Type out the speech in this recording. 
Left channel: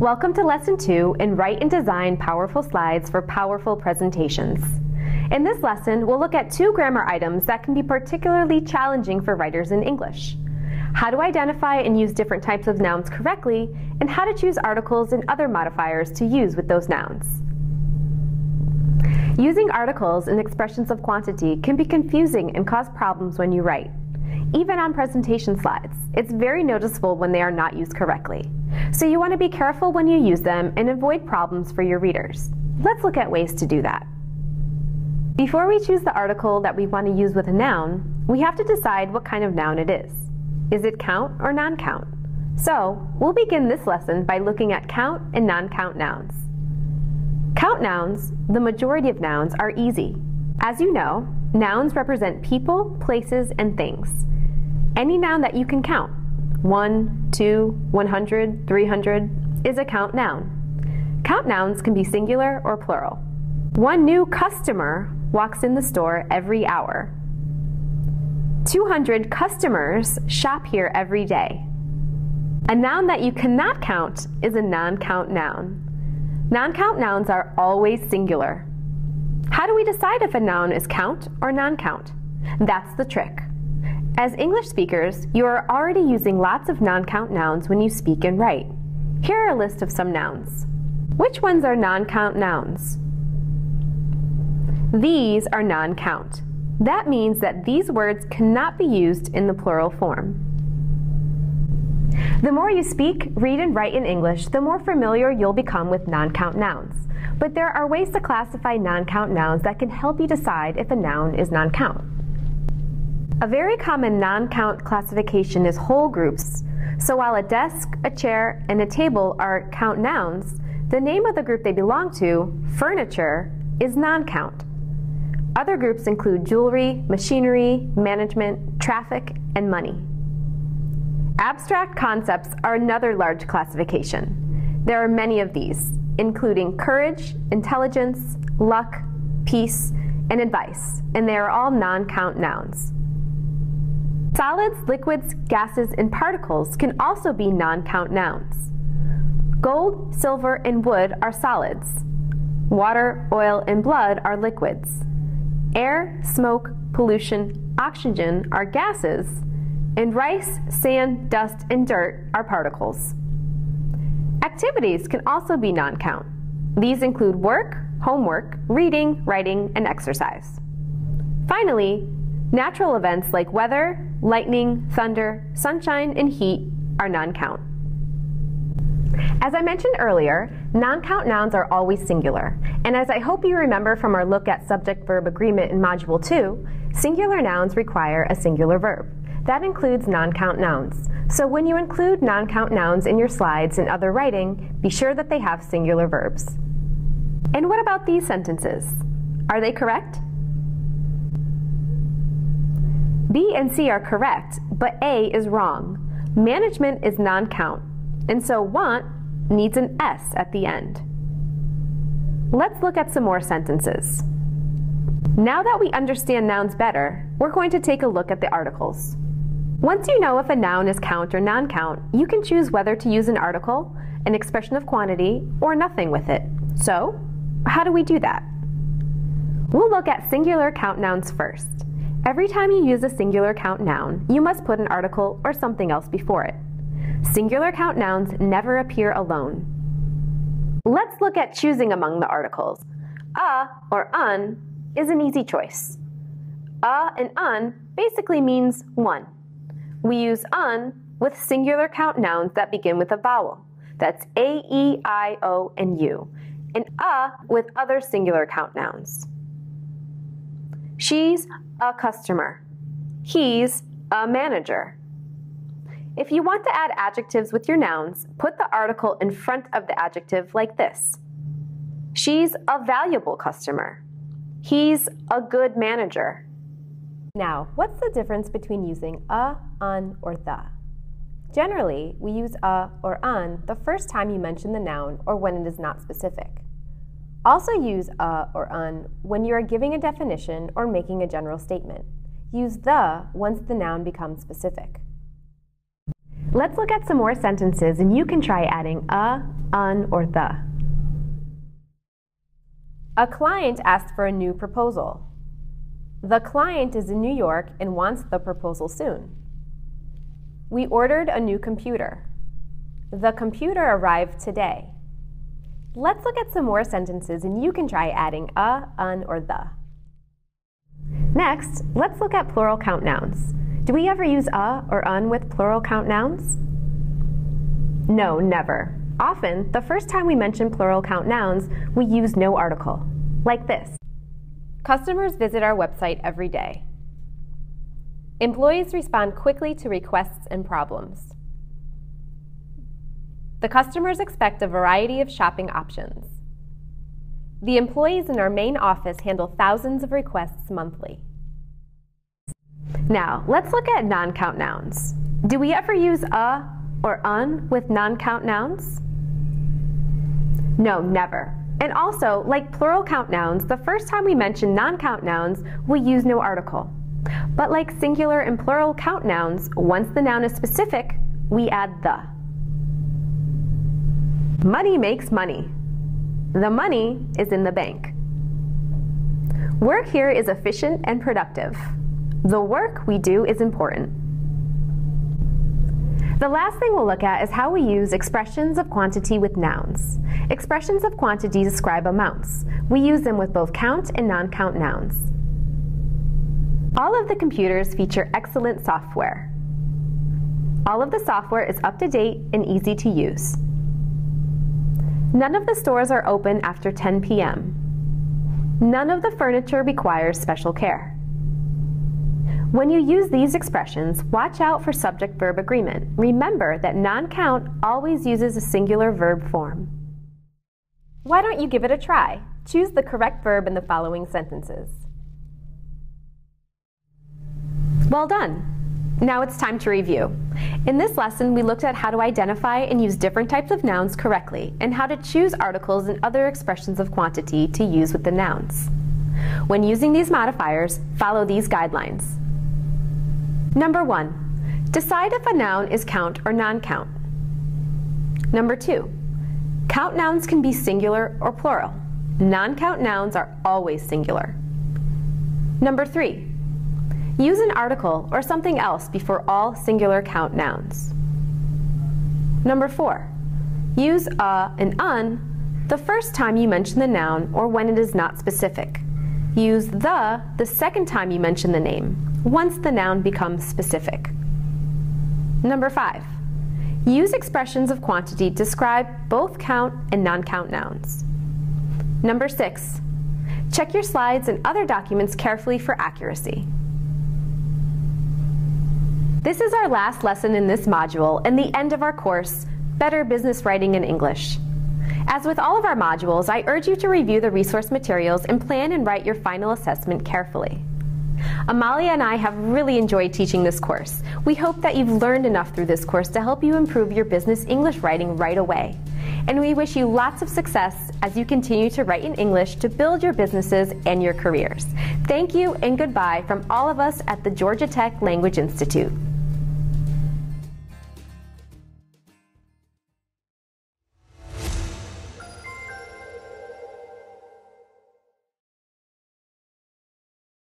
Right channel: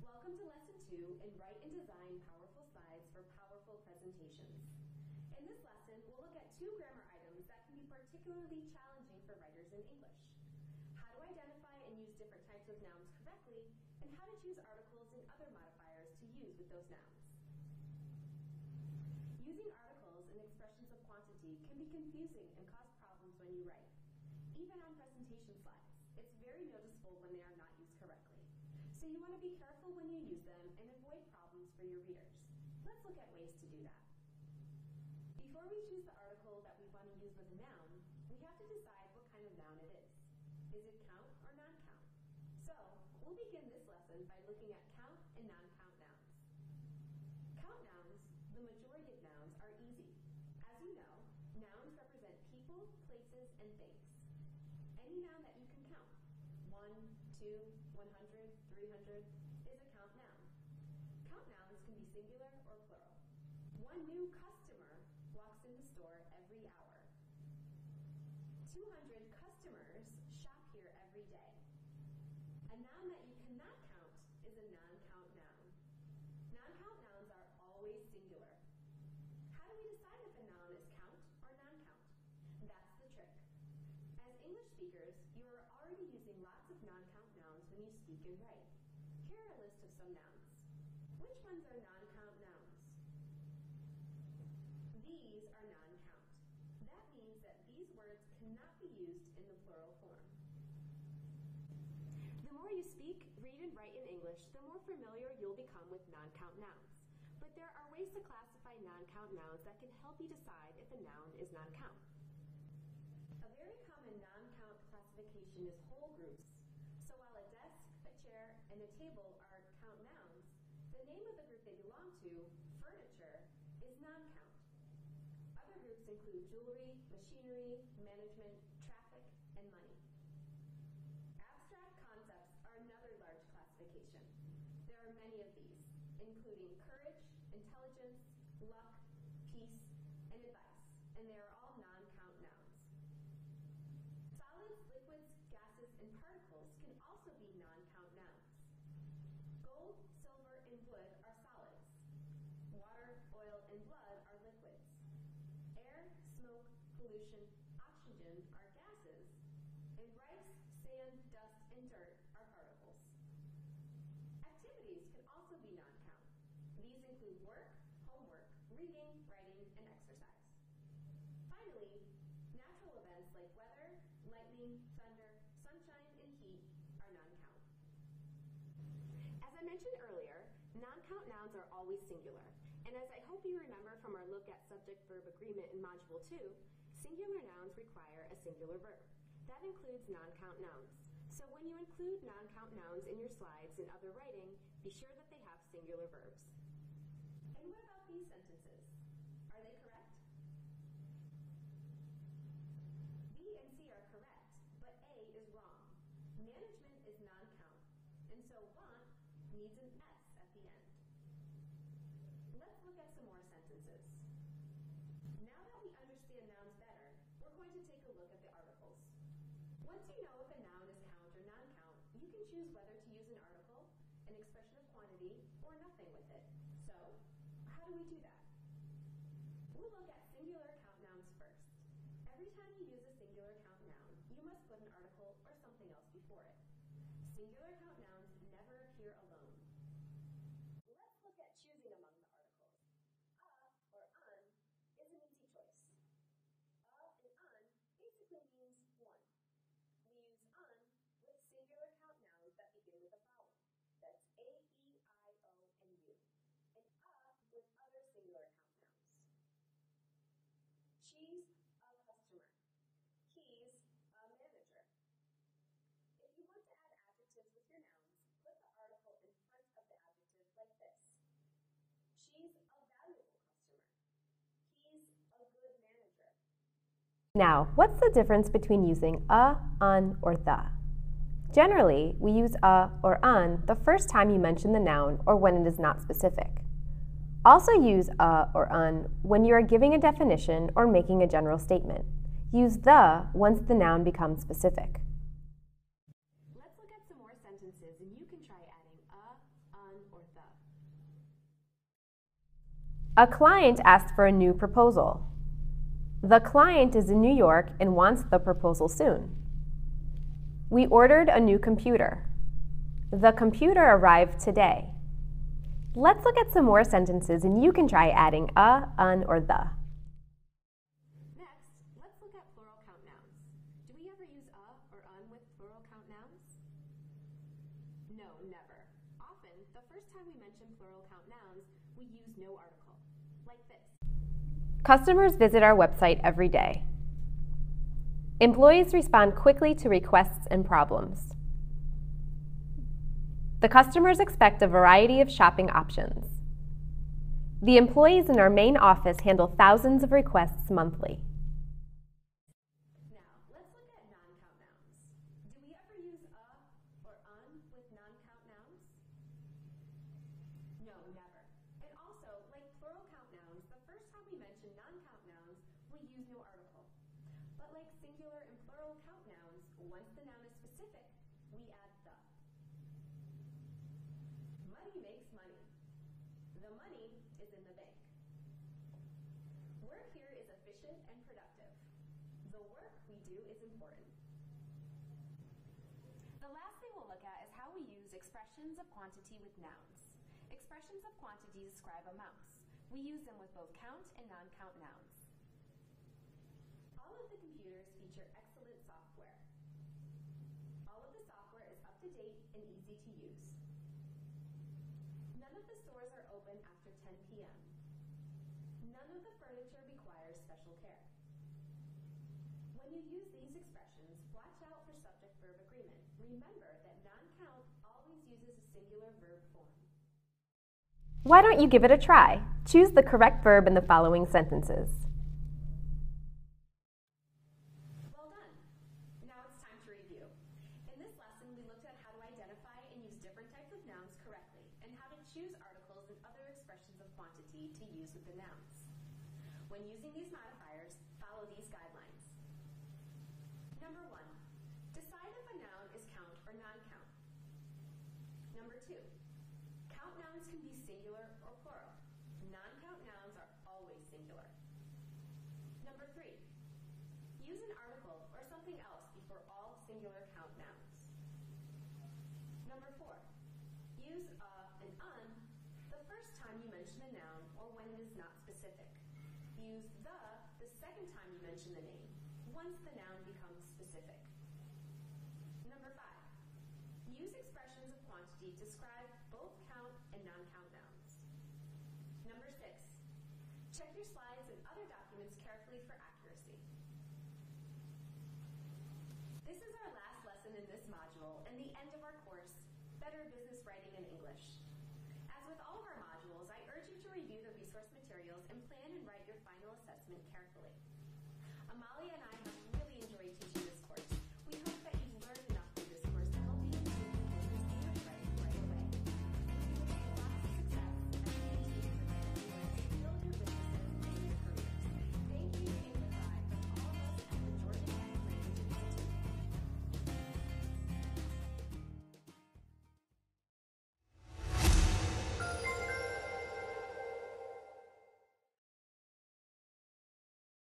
Welcome to Lesson 2 in Write and Design Powerful Slides for Powerful Presentations. In this lesson, we'll look at two grammar items that can be particularly challenging for writers in English: how to identify and use different types of nouns correctly, and how to choose articles and other modifiers to use with those nouns. Using articles and expressions of quantity can be confusing and cause problems when you write. Even on presentation slides, it's very noticeable when they are not used correctly. So you want to be careful when you use them and avoid problems for your readers. Let's look at ways to do that. Before we choose the article that we want to use with a noun, we have to decide what kind of noun it is. Is it count or non-count? So we'll begin this lesson by looking at count and non-count nouns. Count nouns, the majority of nouns, are easy. As you know, nouns represent people, places, and things. Any noun that you can count, 1, 2, 100, 300, is a count noun. Count nouns can be singular or plural. One new customer walks in the store every hour. 200 customers shop here every day. A noun that you cannot count is a non-count noun. Non-count nouns are always singular. How do we decide if a noun is count or non-count? That's the trick. As English speakers, you are already using lots of non-count nouns when you speak and write. Here are a list of some nouns. Which ones are non-count nouns? These are non-count. That means that these words cannot be used in the plural form. The more you speak, read, and write in English, the more familiar you'll become with non-count nouns. But there are ways to classify non-count nouns that can help you decide if a noun is non-count. A very common non-count classification is whole groups. So while a desk, a chair, and a table are count nouns, the name of the group they belong to, furniture, is non-count. Other groups include jewelry, machinery, management, traffic, and money. Abstract concepts are another large classification. There are many of these, including courage, intelligence, luck, peace, and advice, and they are all non-count nouns. Solids, liquids, gases, and particles can also be non-count nouns. Gold, silver, and wood are solids. Water, oil, and blood are liquids. Air, smoke, pollution, oxygen are gases, and rice, sand, dust, and dirt are particles. Activities can also be non-count. These include work, homework, reading, writing, and exercise. Finally, natural events like weather, lightning, thunder, sunshine, and heat are non-count. As I mentioned earlier, non-count nouns are always singular, and as I hope you remember from our look at subject-verb agreement in Module 2, singular nouns require a singular verb. That includes non-count nouns. So when you include non-count nouns in your slides and other writing, be sure that they have singular verbs. And what about these sentences? Are they correct? B and C are correct, but A is wrong. Management is non-count, and so want needs an S at the end. Let's look at some more sentences. Now that we understand nouns better, we're going to take a look at the articles. Once you know if a noun is count or non-count, you can choose whether to use an article, an expression of quantity, or nothing with it. So, how do we do that? We'll look at singular count nouns first. Every time you use a singular count noun, you must put an article or something else before it. Singular count nouns never appear alone. Let's look at choosing among the articles. A or un is an easy choice. A and un basically means one. We use un with singular count nouns that begin with a vowel. That's A, E, I, O, and U. And a with other singular count nouns. She's a customer. He's a manager. If you want to add adjectives with your nouns, put the article in front of the adjective like this. She's a valuable customer. He's a good manager. Now, what's the difference between using a, un, or the? Generally, we use a or un the first time you mention the noun or when it is not specific. Also use a or un when you are giving a definition or making a general statement. Use the once the noun becomes specific. Let's look at some more sentences and you can try adding a, un, or the. A client asked for a new proposal. The client is in New York and wants the proposal soon. We ordered a new computer. The computer arrived today. Let's look at some more sentences and you can try adding a, un, or the. Next, let's look at plural count nouns. Do we ever use a or un with plural count nouns? No, never. Often, the first time we mention plural count nouns, we use no article, like this. Customers visit our website every day. Employees respond quickly to requests and problems. The customers expect a variety of shopping options. The employees in our main office handle thousands of requests monthly. Now, let's look at non-count nouns. Do we ever use a or un with non-count nouns? No, never. And also, like plural count nouns, the first time we mention non-count nouns, we use no article. But like singular and plural count nouns, once the noun is specific, we add the. Money makes money. The money is in the bank. Work here is efficient and productive. The work we do is important. The last thing we'll look at is how we use expressions of quantity with nouns. Expressions of quantity describe amounts. We use them with both count and non-count nouns. All of the computers feature excellent software. All of the software is up to date and easy to use. None of the stores are open after 10 p.m. None of the furniture requires special care. When you use these expressions, watch out for subject-verb agreement. Remember that non-count always uses a singular verb form. Why don't you give it a try? Choose the correct verb in the following sentences. Well done! Now it's time to review. In this lesson, we looked at how to identify and use different types of nouns correctly, and how to choose articles and other expressions of quantity to use with the nouns. When using these modifiers, follow these guidelines. Number 1, decide if a noun is count or non-count. Number 2, count nouns can be singular or plural. Non-count nouns are always singular. Number 3, use an article or something else before all singular count nouns. Number 4, use a and un the first time you mention the noun or when it is not specific. Use the second time you mention the name, once the noun becomes specific. Number 5, use expressions of quantity to describe both count and non-count nouns. Number 6, check your slides and other documents carefully for accuracy. This is our last lesson in this module and the end of our course, Better Business Writing in English. As with all of our modules, I urge you to review the resource materials and plan and write your final assessment carefully. Amalia and I have really enjoyed teaching this course. We hope that you've learned enough through this course to help you improve your business English writing right away. And we wish you lots of success as you continue to write in English to build your businesses and your careers. Thank you and goodbye from all of us at the Georgia Tech Language Institute.